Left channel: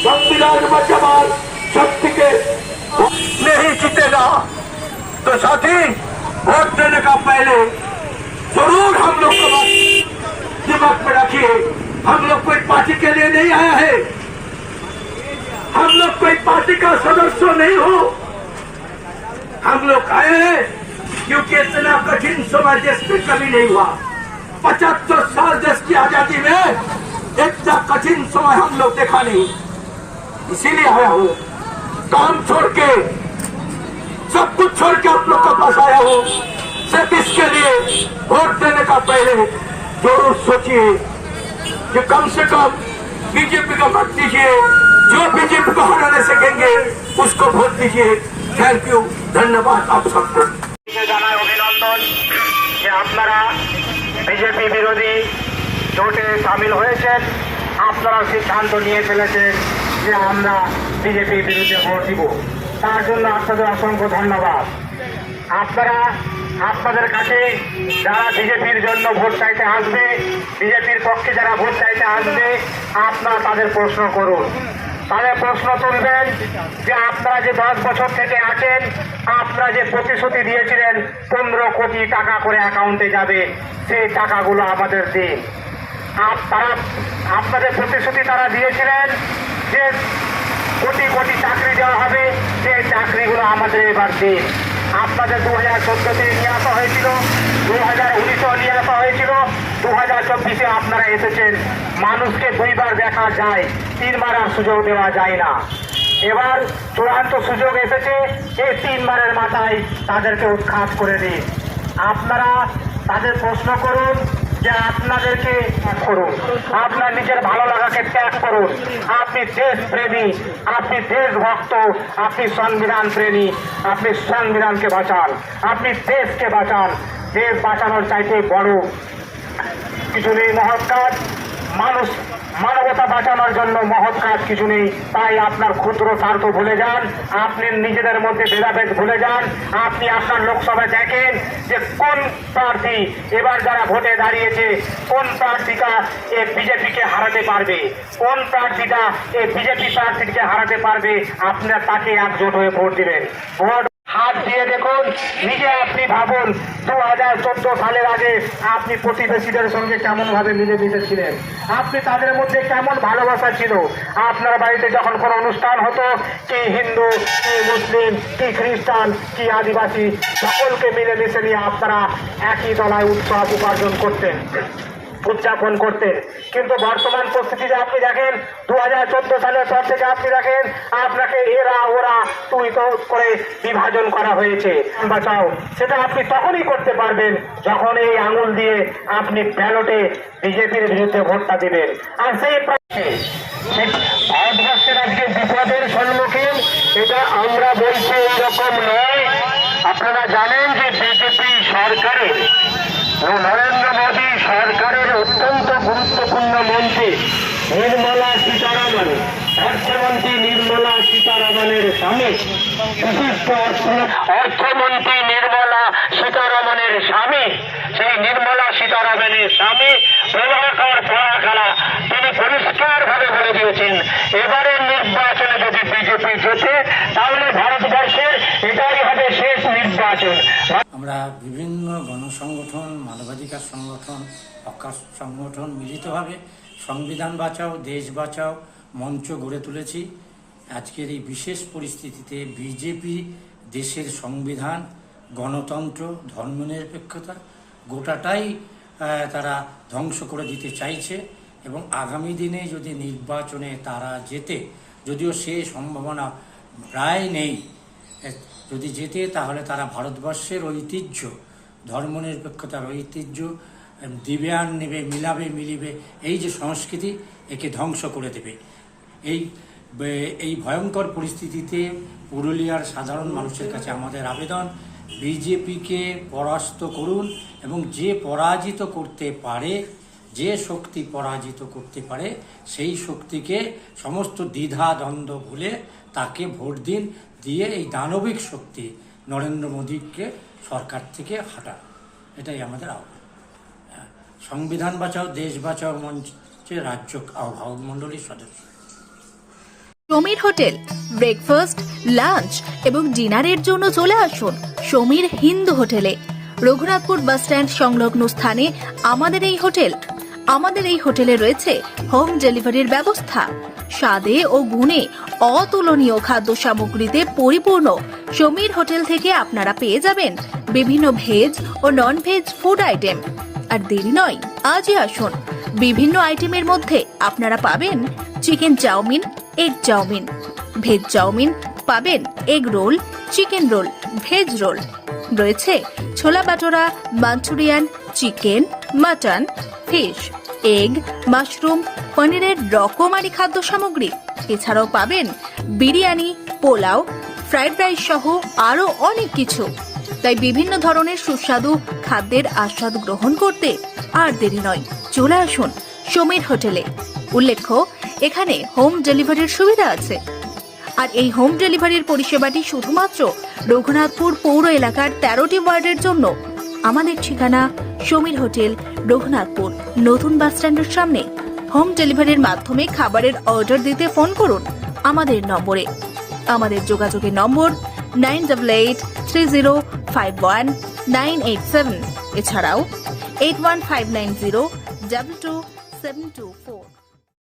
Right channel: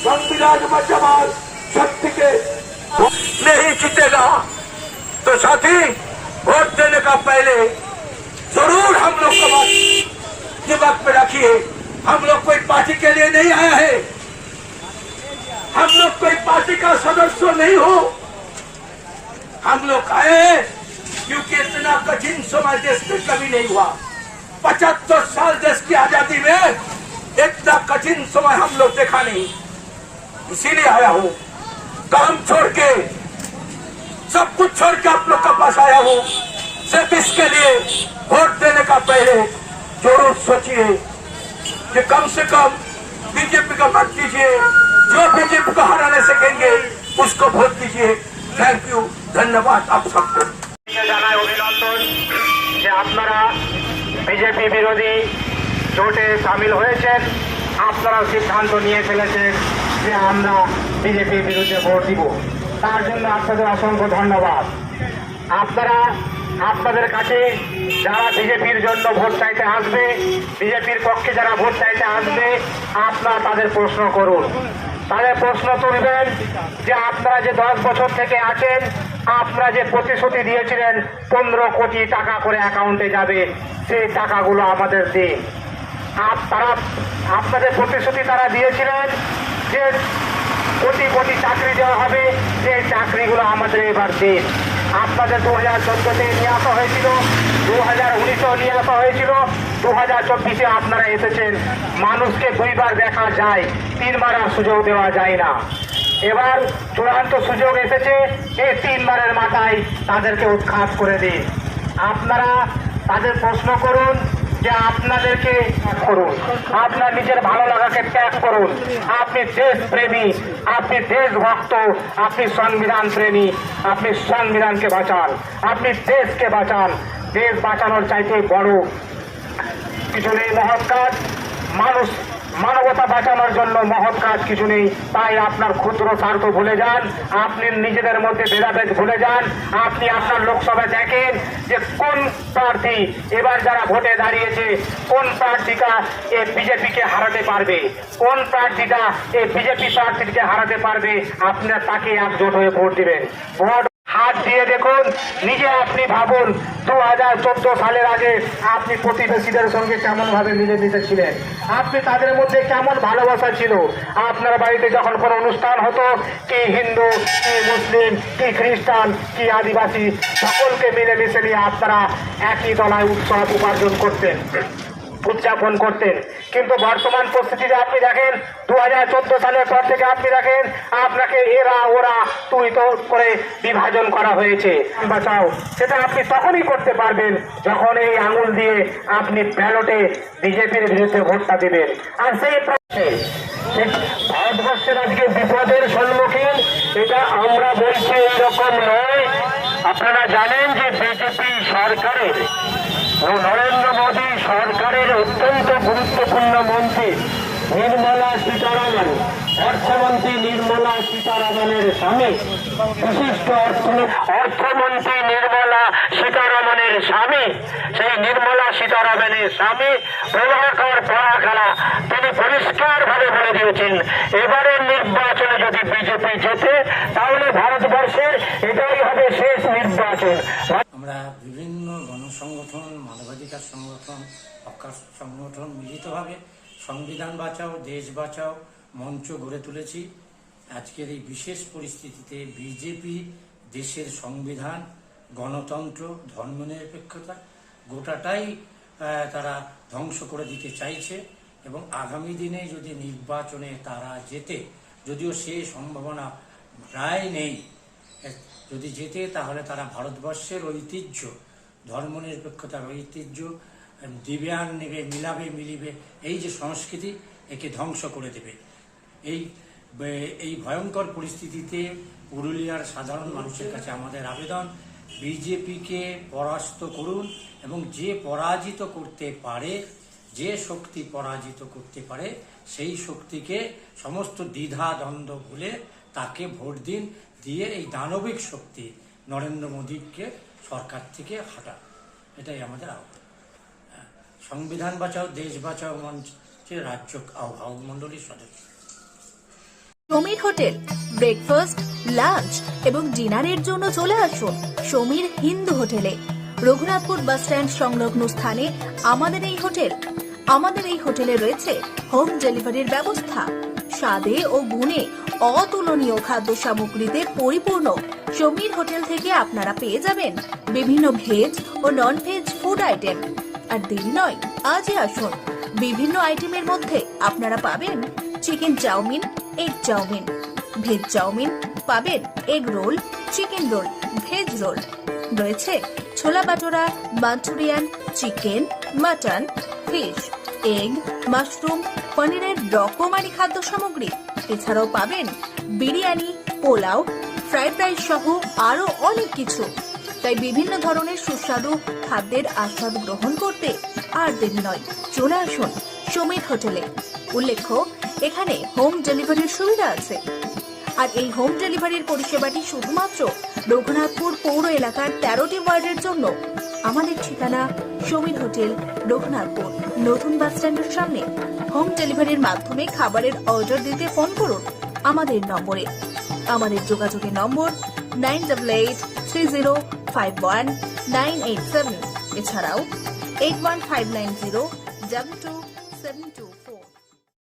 संविधान बचाओ शक्ति के नहीं जीतेगा तो साथी वोट देने का पहले जरूर हम लोग को दिमाग में रखिए, हम लोग कोई पार्टी के लिए नहीं आया है, हम लोग कोई पार्टी का सदस्य नहीं हो, हम लोग आए हैं क्योंकि इतना कठिन समय देश में कभी नहीं हुआ। 75 साल देश की आजादी में इतना कठिन समय हम लोग देखा नहीं, इसीलिए आया हूँ। काम छोड़ के सब कुछ छोड़ के आप लोग के पास आया हूँ, सिर्फ इसके लिए वोट देने का पहले जरूर सोचिए कि कम से कम बीजेपी का मत दीजिए, जो बीजेपी को हराने सकेंगे उसको वोट दीजिए। थैंक यू, धन्यवाद आप सबको। জানাই অভিনন্দন যে আপনারা বিজেপি বিরোধী জোটে সামিল হয়েছেন, আপনারা সিদ্ধান্ত নিয়ে ফেলেছেন যে আমরা বিজেপির বিরুদ্ধে ভোট দিব। তার জন্য আপনাদের অসংখ্য ধন্যবাদ। আপনারা আপনাদের কাছে যারা বিজেপির জন্য ভোট চাইতে আসবে, বিজেপির পক্ষে যারা ভোট চাইতে আসবে, আপনারা তাদের প্রশ্ন করুন, তাদের প্রশ্ন তুলবেন যে আপনারা যে 10 বছর থেকে আছেন, আপনারা যে প্রতিশ্রুতি দিয়েছিলেন 15 কোটি টাকা করে অ্যাকাউন্টে যাবে, সেই টাকাগুলো আমাদের দিন। তারা আপনাদের প্রতিশ্রুতি তারা দিয়েছিলেন যে কোটি কোটি চাকরি দেওয়া হবে, সেই চাকরিগুলো আমাদের এবার দিন। আপনাদের 2014-তে নিয়ে আসা হয়েছিল, 2019-এও নিয়ে আসা হয়েছিল, 2024-এ আপনারা এসেছেন। মানুষকে 2বার দেখা যায়, 3বার আর সুযোগ দেওয়া যায় না। এবার চূড়ান্ত সুযোগ এসেছে, এই 3বারের মাথায় তাদেরকে উৎখাত করে দিন। আপনারা তাদের প্রশ্ন করুন যে আপনাদেরকে করুন, আপনার নিজের ভালো লাগাকে ত্যাগ করুন। আপনি দেশপ্রেমী, আপনি দেশভক্ত, আপনি সংবিধান প্রেমী, আপনি সংবিধানকে বাঁচান, আপনি দেশকে বাঁচান। দেশ বাঁচানোর চাইতে বড় কিছু নেই মহৎ কাজ। মানবতা বাঁচানোর জন্য মহৎ কাজ কিছু নেই। তাই আপনার ক্ষুদ্র স্বার্থ ভুলে যান, আপনি নিজেদের মধ্যে ভেদাভেদ ভুলে যান। আপনি আপনার লোকসভায় দেখেন যে কোন প্রার্থী এবার যারা ভোটে দাঁড়িয়েছে, কোন প্রার্থীটা এই বিজেপিকে হারাতে পারবে, কোন প্রার্থীটা এই বিজেপি প্রার্থীকে হারাতে পারবে, আপনার তাকে একজোট হয়ে ভোট দিবেন। ভোট হাত দিয়ে দেখুন, নিজে আপনি ভাবুন 2014 সালের আগে আপনি প্রতিবেশীদের সঙ্গে কেমন ভাবে মিলেমিশে ছিলেন, আপনি তাদের মধ্যে কেমন ভালোবাসা ছিল। আপনার বাড়িতে যখন কোনো অনুষ্ঠান হতো, কি হিন্দু, কি মুসলিম, কি খ্রিস্টান, কি আদিবাসী, সকলকে মিলেমিশে নিয়ে আপনারা একই তলায় উৎসব উদযাপন করতেন। কিন্তু বর্তমান পরিস্থিতিতে আপনি দেখেন 2014 সালের পর থেকে আপনি দেখেন আপনাকে এরা ওরা তুই তো করে বিভাজন করা হয়েছে। বাঁচাও সেটা আপনি তখনই করতে পারবেন যখন এই আঙুল দিয়ে আপনি ব্যালটে বিজেপির বিরুদ্ধে ভোটটা দেবেন। আর সেই ভারতবর্ষের আজকে বিপদের সম্মুখীন, এটা আমরা বলছি এরকম নয়। আপনারা জানেন যে বিজেপি সরকারের, নরেন্দ্র মোদী সরকারের অত্যন্ত গুরুত্বপূর্ণ মন্ত্রী নির্মলা সীতারামন, অর্থমন্ত্রী নির্মলা সীতারামনের স্বামী, বিশিষ্ট অর্থমন্ত্রী নির্মলা সীতারামনের স্বামী, সেই নির্মলা সীতারামনের স্বামী প্রভাকর পরাকালা, তিনি পরিষ্কার ভাবে বলে দিয়েছেন এবারের নির্বাচনে যদি বিজেপি জেতে তাহলে ভারতবর্ষের এটাই হবে শেষ নির্বাচন। আমরা বিভিন্ন গণসংগঠন, মানবাধিকার সংগঠন, হকার সংগঠন মিলিতভাবে সংবিধান বাঁচাও দেশ বাঁচাও মঞ্চ গড়ে তুলেছি। আজকের এই বিশেষ পরিস্থিতিতে বিজেপি দেশের সংবিধান, গণতন্ত্র, ধর্মনিরপেক্ষতা গোটাটাই তারা ধ্বংস করে দিতে চাইছে এবং আগামী দিনে যদি নির্বাচনে তারা জেতে, যদিও সে সম্ভাবনা প্রায় নেই, যদি জেতে তাহলে তারা ভারতবর্ষের ঐতিহ্য, ধর্মনিরপেক্ষতার ঐতিহ্য দিবে আর নেবে, মিলাবে মিলিবে, এই যে সংস্কৃতি, একে ধ্বংস করে দেবে। এই ভয়ঙ্কর পরিস্থিতিতে পুরুলিয়ার সাধারণ মানুষের কাছে আমাদের আবেদন, বিজেপিকে পরাস্ত করুন এবং যে পরাজিত করতে পারে, যে শক্তি পরাজিত করতে পারে, সেই শক্তিকে সমস্ত দ্বিধা দ্বন্দ্ব ভুলে তাকে ভোট দিন, দিয়ে এই দানবিক শক্তি নরেন্দ্র মোদীকে সরকার থেকে হাঁটান। এটাই আমাদের আহ্বান। সংবিধান বাঁচাও দেশ বাঁচাও মঞ্চে রাজ্য আহ্বায়ক মণ্ডলীর সদস্য। সমীর হোটেল। ব্রেকফাস্ট, লাঞ্চ এবং ডিনারের জন্য চলে আসুন সমীর হিন্দু হোটেলে। রঘুনাথপুর বাস স্ট্যান্ড সংলগ্ন স্থানে আমাদের এই হোটেল। আমাদের এই হোটেলে রয়েছে হোম ডেলিভারির ব্যবস্থা। স্বাদে ও গুণে অতুলনীয় খাদ্য সামগ্রীতে পরিপূর্ণ সমীর হোটেল থেকে আপনারা পেয়ে যাবেন বিভিন্ন ভেজ ও নন ভেজ ফুড আইটেম। আর দেরি নয়, আজই আসুন। বিভিন্ন আইটেমের মধ্যে আপনারা পাবেন chicken chowmein, egg chowmein, veg chowmein, পাবেন egg roll, chicken roll, veg roll, রয়েছে ছোলা বাটোরা, Manchurian, chicken, mutton, fish, egg, mushroom, পনিরের রকমারি খাদ্য সামগ্রী। এছাড়াও পাবেন বিরিয়ানি, পোলাও, ফ্রাইড রাইস সহ আরো অনেক কিছু। তাই বিভিন্ন ধরনের সুস্বাদু খাদ্যের আস্বাদ গ্রহণ করতে আর দেরি নয়, চলে আসুন সমীর হোটেলে। উল্লেখ্য, এখানে হোম ডেলিভারির সুবিধা আছে। আর এই হোম ডেলিভারির পরিষেবাটি শুধুমাত্র রঘুনাথপুর পৌর এলাকার 13টি ওয়ার্ডের জন্য। আমাদের ঠিকানা সমীর হোটেল, রঘুনাথপুর নতুন বাস স্ট্যান্ডের সামনে। হোম ডেলিভারির মাধ্যমে খাবারের অর্ডার দিতে ফোন করুন আমাদের নম্বরে। আমাদের যোগাযোগের নম্বর 9883051987, এছাড়াও 81590222724।